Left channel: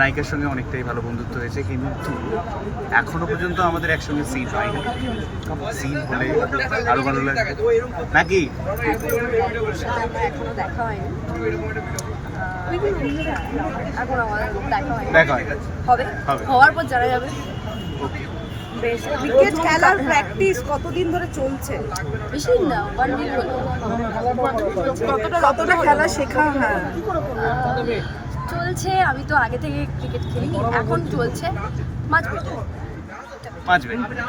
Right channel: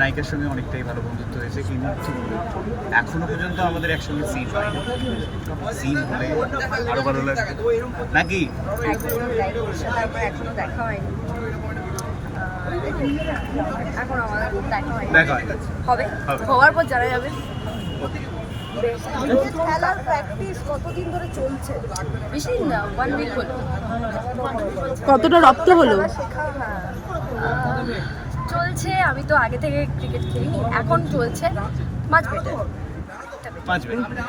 নায়িকার সঙ্গে অনেকটাই ভালো বন্ধুত্ব হয়েছে, কিন্তু এখনো পর্যন্ত আমাদের একসঙ্গে সিন হয়নি। সিন হলে আরো ভালো লাগবে নাকি? এখনো দেখা হয়নি, এখন আমাদের দেখা হয়নি, দেখা হয় হবে, হওয়ার পর জানা যাবে। ক্রিকেট খেলার প্র্যাকটিস কতদিন ধরে চলছে? বেশি না, 1 উইক হলো। কতটা রপ্ত হলো খেলা শেখা? হ্যাঁ, চলছে। আমি তো আগে থেকে ক্রিকেট খেলিনি, এখন চলছে। মাঝ বেটার।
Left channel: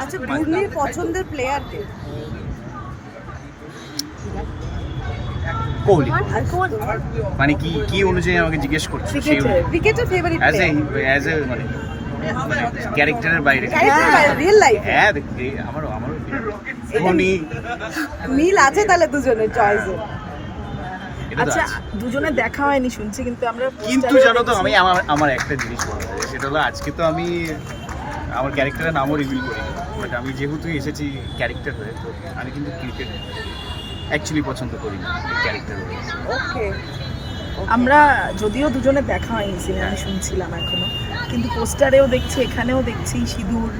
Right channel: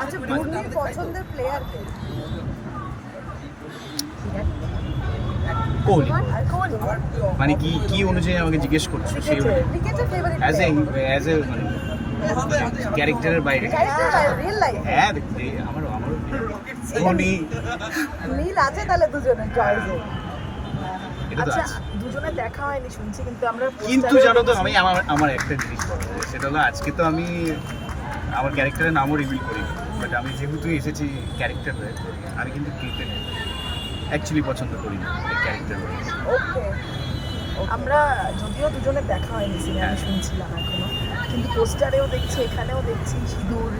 আচ্ছা, ঘূর্ণির পছন্দের প্লেয়ার কে? কোহলি। কোহলি মানে কি কি অনুযায়ী আমাকে জিজ্ঞেস করছে? ক্রিকেটের ফেভারিট অ্যাজ এ মানে ক্যারেক্টারের বাইরে, রিয়েল লাইফ? হ্যাঁ আমারও ধোনি। মিল আছে তাহলে দুজনের চয়েসে? এটা তো আচ্ছা, আছে, দুজনে দেখা হয়নি শুনছি, কিন্তু আমরা কিন্তু জানো তো আমি আমার একটা জিনিস বলা যায়, সেটা হলো আজকে তো আমি আমার ক্যারেক্টারের নামও রিভিল করি, বাট আমি যেহেতু এসেছি ক্যারেক্টার হয়ে, তো আমি কিন্তু ক্রিকেট অ্যাকচুয়ালি পছন্দ করি না, ক্যারেক্টার হয়ে। ওকে, আমরা যদিও দুজনে দেখা হয়নি সিনেমা শুনছিলাম এখনো, কিন্তু পোস্টারেও দেখছি, এখানেও দেখছি সিঁদুর,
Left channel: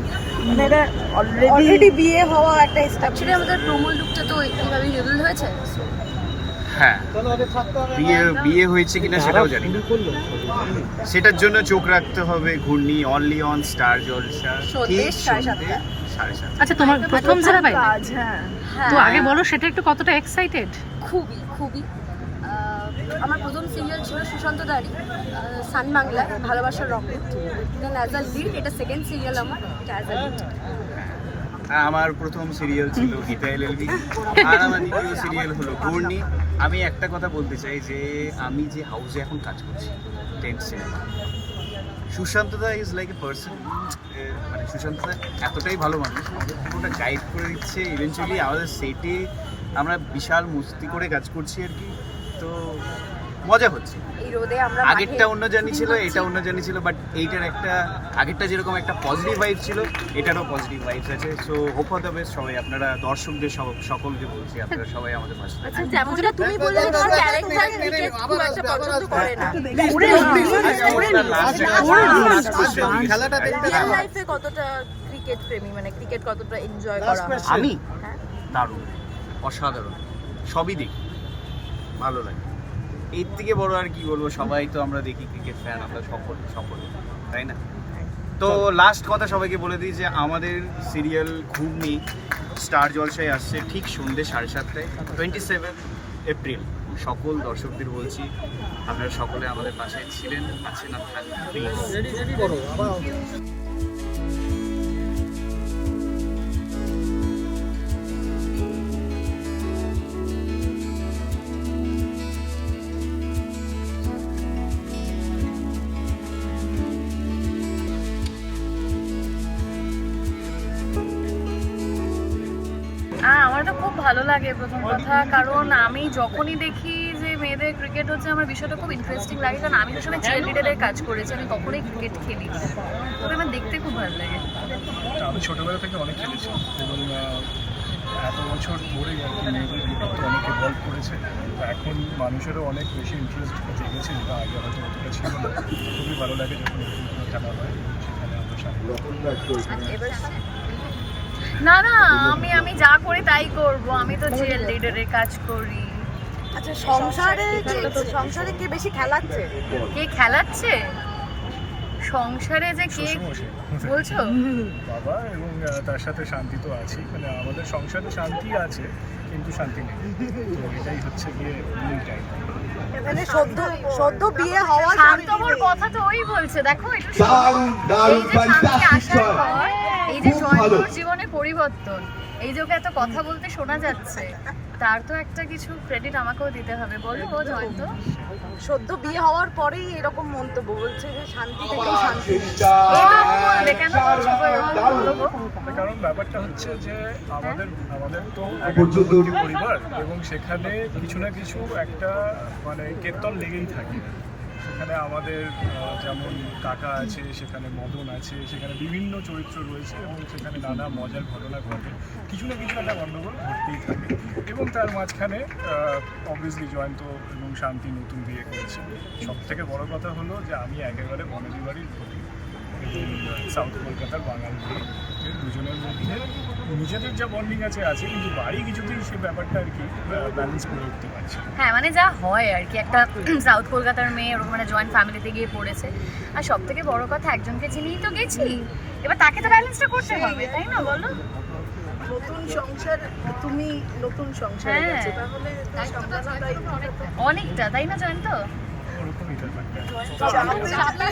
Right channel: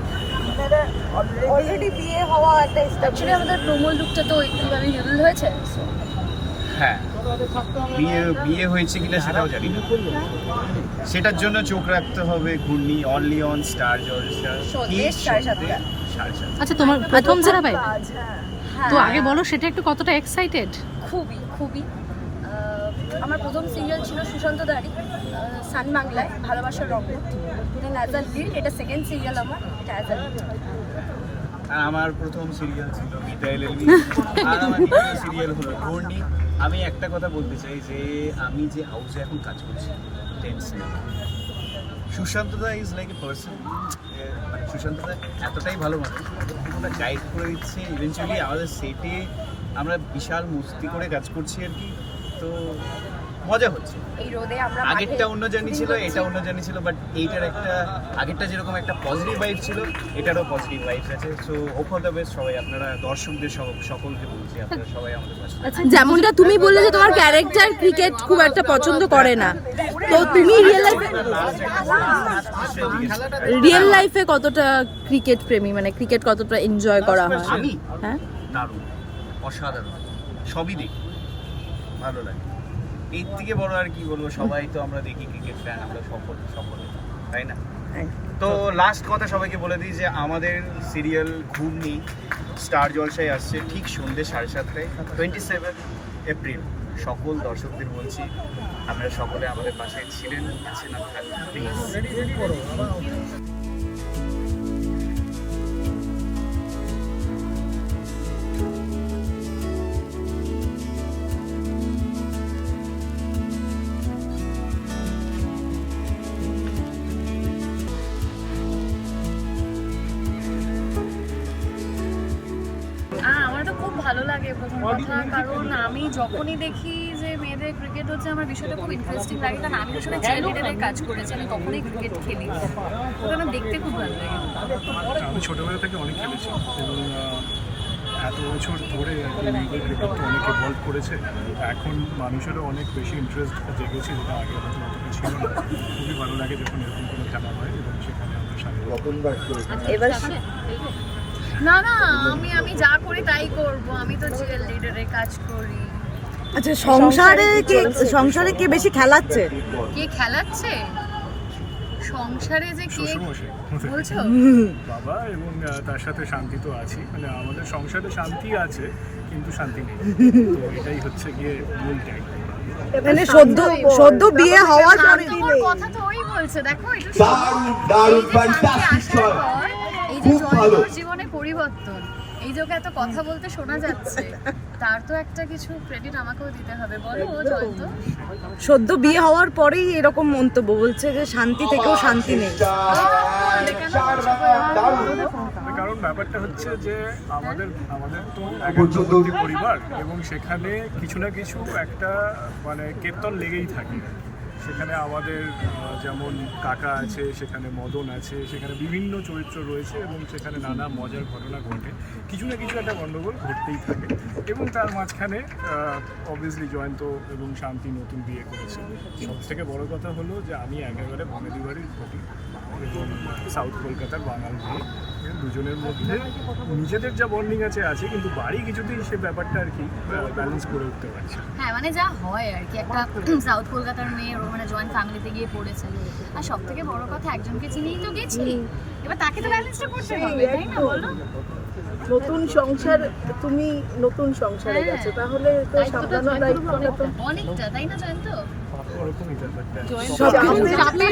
মানে অলরেডি বিয়ে হওয়া একটা অ্যাকচুয়ালি আমাদের প্রোমো লুকটা তো এইভাবেই রিভিল হয়েছে। হ্যাঁ, বিয়ে হয়েছে কিনা সেটাও জানি না, সেটার জন্য চোখ রাখতে হবে ঘূর্ণি অনলি অন স্টার জলসা, ঠিক 7:30। আচ্ছা, তোমার প্রথম ধারাবাহিক হ্যাঁ, তো আগে বলো সেটা একটু কতটা এক্সাইটেড? খুবই খুবই। আমার প্রথম সিরিয়াল ছিল সুশান্ত দাড়ি, সান বাংলায়, ভালোবাসার rocket, then as a lead. এটা সেকেন্ড সিরিয়াল আমার, এটা অ্যাজ আ লিড। আমার প্রথম সিরিয়াল ছিল গীতা এলএলবি, আর আমার দ্বিতীয় সিরিয়াল হলো ঘূর্ণি। আমি একটা কথা বলতে চাই যে আমি যে হাউসে এখন কাজ করছি, 10 cinema, Sushanta da is like a person. মানে সুশান্ত দা এতটাই ভালো মানুষ, আমাদের পুরোটা গাইড করে দিচ্ছে। ইভেনচুয়ালি আমাদের সেটে আমরা বিশাল মস্তি করে কাজ করছি আর কি, তো মজা হচ্ছে। এই রোদে আমরা আগেরটা অন্য জানি ছিল, এটা অন্য জানি ছিল, বাট এইটার একটা আগেরটা যেরকম একটা পজিটিভ ভাইব ছিল, এটারও পজিটিভ ভাইবস আছে। So hope for the best সবাই, আপনারা দর্শকদের সকলকে বলছি, আপনারা সবাই আমাদের পাশে থাকবেন। যেমনটা তুমি বললে যে তোমার ক্যারেক্টার ক্রিকেট খুব একটা পছন্দ করে না, রিয়েল লাইফে কতটা ক্রিকেট প্রেমী, মানে ক্রিকেট কতটা এনজয় করা হয়? আমি হ্যাঁ, দারুণ, অসাধারণ, সবই দেখি, ভালো লাগে। এর থেকে বড় আর কি বলবো, সবাই তো আমরা দেখি ক্রিকেট ফ্যান, আমরা সকলে, তাই না? তো লাস্ট কথা সবাইকে বলে দিই যে আমাদের সিরিয়াল ঘূর্ণি স্টার জলসায় আসছে ঠিক সন্ধ্যে 7:30টায়, 27 এপ্রিল। সকল দর্শকদের বলছি, আপনারা সকলে আমাদের পাশে ছিলেন, আছেন আর থাকবেন, প্লিজ। আমার তো খুব ভালো লাগে প্রথম কথা, কারণ আমি যখনই দেখি যে মেয়েদের ক্রিকেট হচ্ছে, আমার বিষয়টা খুব ইন্টারেস্টিং লাগে। কারণ আমি তো সময় চিয়ার লিডারের কাজ করেছি, আমি কখনোই ক্রিকেট খেলি, তবে আমার দেখতে খুব ভালো লাগে। আমি ছোটোবেলা থেকে অনেক খেলেছি এবং এত বছর ধরে আর কি মেয়েদের ক্রিকেট তো অনেক ইভলভ করেছে। এখন মানুষেরও অনেক বেশি ইন্টারেস্ট জেগেছে, যেটা আগে হয়তো অতটা ছিল না। খুবই ভালো লাগে যখন এরকম কোনো খেলা হয় এবং সেখানে আমরা সামনে। এবার না আমি যা করি তাই করব, আমি তো চিয়ার লিডারের কাজ করি। আচ্ছা, সংসারে কে বেশি খেলাচ্ছে? কে খেলাচ্ছে সংসারে? যে কে শ্বশুরমশাই বলছো? বাবা, এবং তার সাথে শান্তি তো আছেই, মানে আমাদের সংসারে শান্তি আছে কিন্তু শান্তি নেই, তো এটাই হচ্ছে গিয়ে মূল টাইম। মানে সদ্য বিয়ে হওয়ার শান্তর কথা তো ওই বলছে, দেখো একটু এই যে শান্তি আসার পর এই যে জয়ন্তর জীবনে পরিবর্তন, এই যে ওকে এত কথা বলতে শোনা যাচ্ছে, তার তো একটা কিছু ক্রেডিট আমাকেও দিতে হবে। বলো ও জয়ন্ত, সদ্য বিয়ে হওয়ার পরেই এরকম মন্তব্য, বলছে যে শান্তি থেকেও শান্তি নেই। কেন বলবো? কারণ ব্যাপারটা হচ্ছে যে আমাদের তো একান্তবর্তী পরিবার এবং সেখানে কিছু না কিছু একটা মানে কীর্তন লেগেই থাকে। সেখানে আমাদের যেমন কাকা আছে, সেখানে মদন আছে, সেখানে বিভিন্ন চরিত্র রয়েছে এবং সেখানে নানা মজার ঘটনা ঘটে, কিছু না কিছু একটা গণ্ডগোল ঘটতেই থাকে। এবং তার মাঝখানে অবভিয়াসলি জয়ন্ত এবং শান্তি নতুন বিয়ে করেছে। সব থেকে বড় কথা হলো যে আমি একেবারে বনেদি বাড়ির ঘটি এবং সাউথ কলকাতার বাঙাল মেয়ে, এর দুজনের মধ্যে নিজেদের যা বন্ডিং আছে কিন্তু বাড়ি কিছুতেই সে ব্যাপারটা আর কি ব্যালেন্স করে উঠতে পারছে না। হ্যাঁ মানে যা হয় আর কি, একটা সাউথ কলকাতার মেয়ে মানে জয়েন্ট ফ্যামিলিতে গিয়ে পড়েছে, আর সব থেকে বড় কথা একজনকে চিনেই তো গেছি, এবার তাকে তো ব্যালেন্সটা করতে হবে, তাই না বলো? নতুন সংসার, তুমি নতুন সংসারে হ্যাঁ। গেছো, তাহলে তো সামলানোর দায়িত্বটা তো অনেকটা, তাই না জয়ন্ত? ওরকমই ব্যাপারটা। চাপে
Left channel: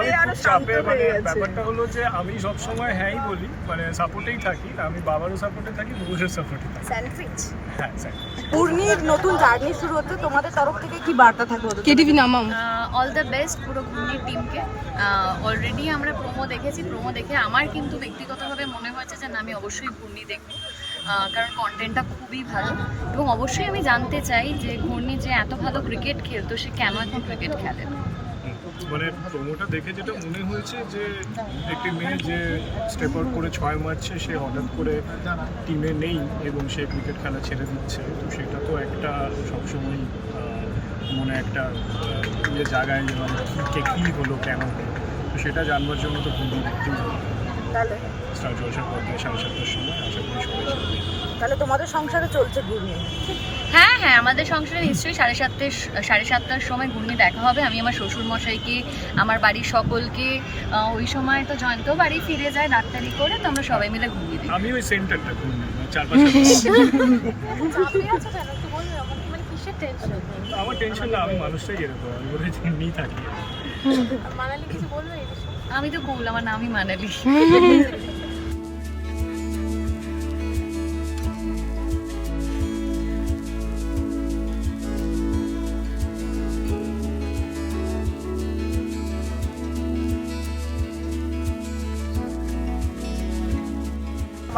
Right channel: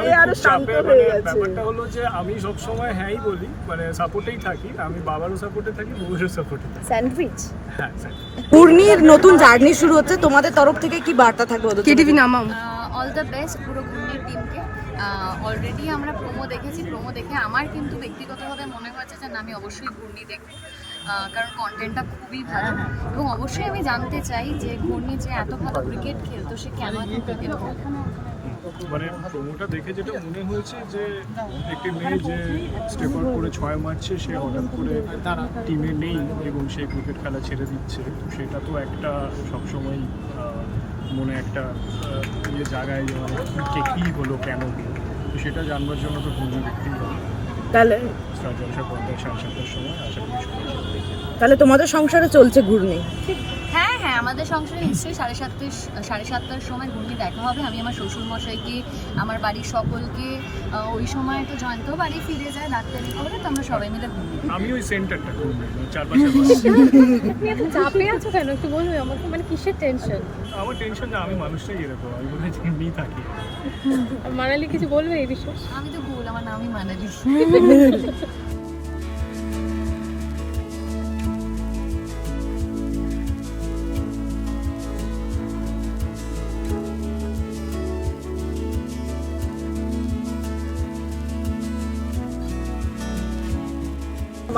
আমি আরো খুব শান্ত চাপে, হয়ে মানে গেছে। ব্যাপারটা হলো যে আমি সবসময় হ্যাঁই বলি, মানে সাপোর্টেই থাকি, আমি বাবারও সাপোর্টে থাকি, বুবুরও সাপোর্টে থাকি। স্যান্ডউইচ। হ্যাঁ স্যার। পূর্ণির নতুন জার্নি শুরু হচ্ছে, তোমাদের তরফ থেকে কি বার্তা থাকবে ওদের? কেটিভি নামাও। অল দ্য বেস্ট পুরো ঘূর্ণির টিমকে। অলরেডি আমরা প্রোমো দেখেছি, প্রোমো দেখে আমার কিন্তু ব্যক্তিগতভাবে মনে হয়েছে যে না, আমি অবশ্যই ঘূর্ণি দেখবো, কারণ কন্টেন্টটা খুবই ভালো, এবং অবশ্যই আমি জানতে চাই যে ঘূর্ণি যে এত ভালো ক্রিকেট খেলতো সে কেন এখন ক্রিকেট খেলে না। মানে প্রোমোটা দেখে যেটা মনে হয়েছে যে একটি মেয়ে যে স্টেপ আউট করে 6 মারছে, সে হঠাৎ করে টিমে নেই এবং সে ক্রিকেট খেলা ছেড়ে দিচ্ছে, তো সেটা তো একটা সবসময় মনে একটা ইয়ে জায়গায় যে মানে কী হলো, কেন হলো, তো সেটা জানবার জন্য তো ঘুমিয়ে দেখতেই হবে। তাহলে স্টার জলসার পর্দায় 7:30টার সময় আশা করি সবাই সেটা দেখবে। তাহলে তোমাদের সংসারে চলছে ঘূর্ণি? হ্যাঁ হ্যাঁ, আমাদের সংসারে নিশ্চয়ই 7:30টার সময় ঘূর্ণি দেখা হবে। আমি আমার শ্বশুর মশাইকে, আমার বাড়ির সকলকে, ওই সময় তো জয়ন্ত বাড়ি ফিরে যায় ডাক্তারি করে, তো আমরা সবাই মিলে ঘুমিয়ে দিই। আমি ওই সেন্টারটা ঘুরবো, মানে চারপাশে চাপে আছো কেন একটু বলবে আমাকে, মানে কিসের টেনশন? আমার টেনশন না, আমি মানুষটাই এরকম, আমি বোধহয় এমনিই থাকি। মানালি কিছু বলবে এই বিষয়ে? আমি তো বল, আমার নামই মানালি।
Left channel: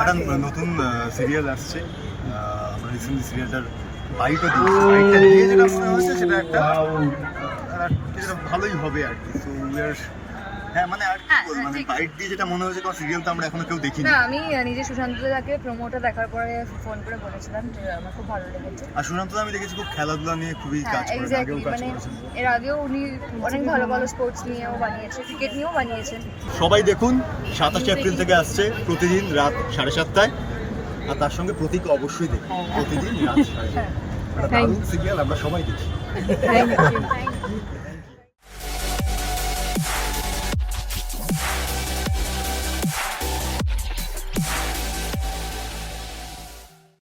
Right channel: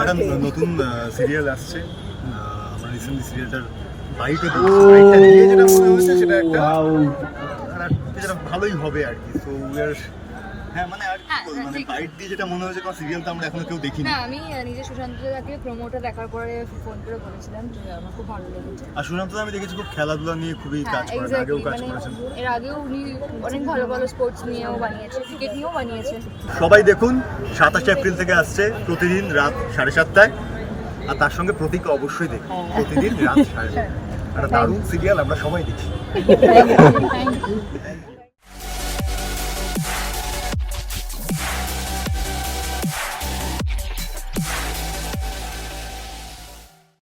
একটা নতুন সিরিয়াল আসছে, আমরা রিসেন্টলি সিরিয়ালটার বাইটও দিয়েছি, বাইটটা দিয়ে যেটা মনে হয়েছে সেটা একটা যেটা ভালোই হবে আর কি। সো উই আর, হ্যাঁ মানে আর কি বলবো, মানে বাইট দিয়ে যেটা মনে হয়েছে, কারণ সিরিয়াল তো আমরা এখনো কেউ দেখিনি। না, আমি নিজে সুশান্তদাকে প্রোমোটা দেখার পরে ফোন করে বলেছিলাম যে আমার খুব ভালো লেগেছে। আর সুশান্ত আমি দেখেছি খুব খেলাধুলা নিয়ে খুবই কাজ করেন, আগেও কাজ করেছেন। এর আগেও উনি অনেক ভালো ভালো স্পোর্টস নিয়েও বানিয়েছে, ক্রিকেট নিয়েও বানিয়েছে। সবাই দেখুন, 27 এপ্রিল থেকে আসছে, প্রতিদিন রাত 7:30টায়, আর তার সঙ্গে প্রতীক অবশ্যই দেখুন, প্রতিদিন রাত 7:30। একটা দারুণ সিরিয়াল, আমরা সবাই দেখি। Thank you.